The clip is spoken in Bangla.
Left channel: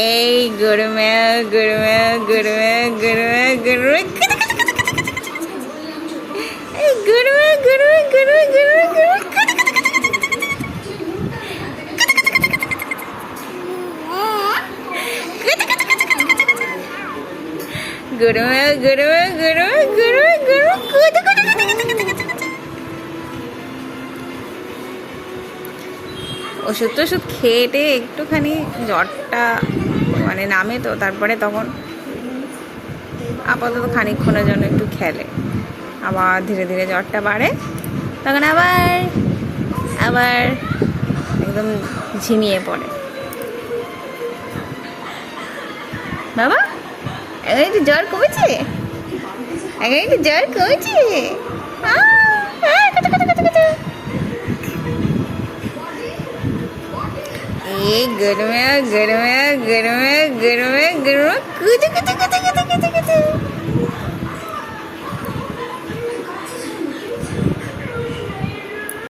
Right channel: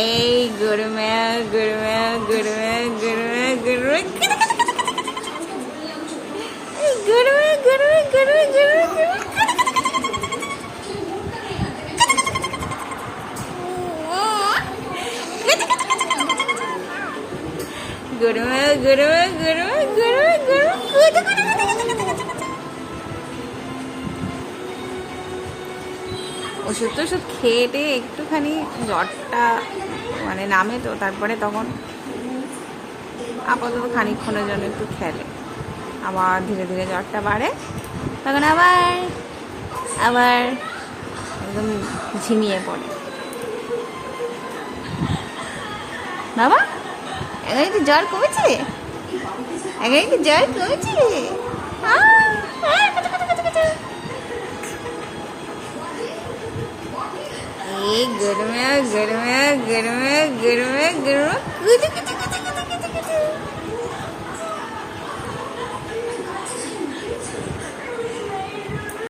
এই গরমে গরমে গরমে গরমে গরমে গরমে গরমে গরমে গরমে গরমে গরমে গরমে গরমে ওষুধ টষুধ খেয়ে একটুখানি জ্বরটা মানে নামে তো তারপরে তখন আপাতত খানিকক্ষণের জন্য একটু খেলে, আবার ধীরে ধীরে জ্বরটা বাড়ে, তখন আবার আবার একদম ঝিমিয়ে পড়ে। বাবা এখন একটু জ্বর কমেছে, এখন একটু জ্বর কমেছে। এই গরমে গরমে গরমে গরমে গরমে কুতু কুতু কুতু কুতু কুতু কুতু।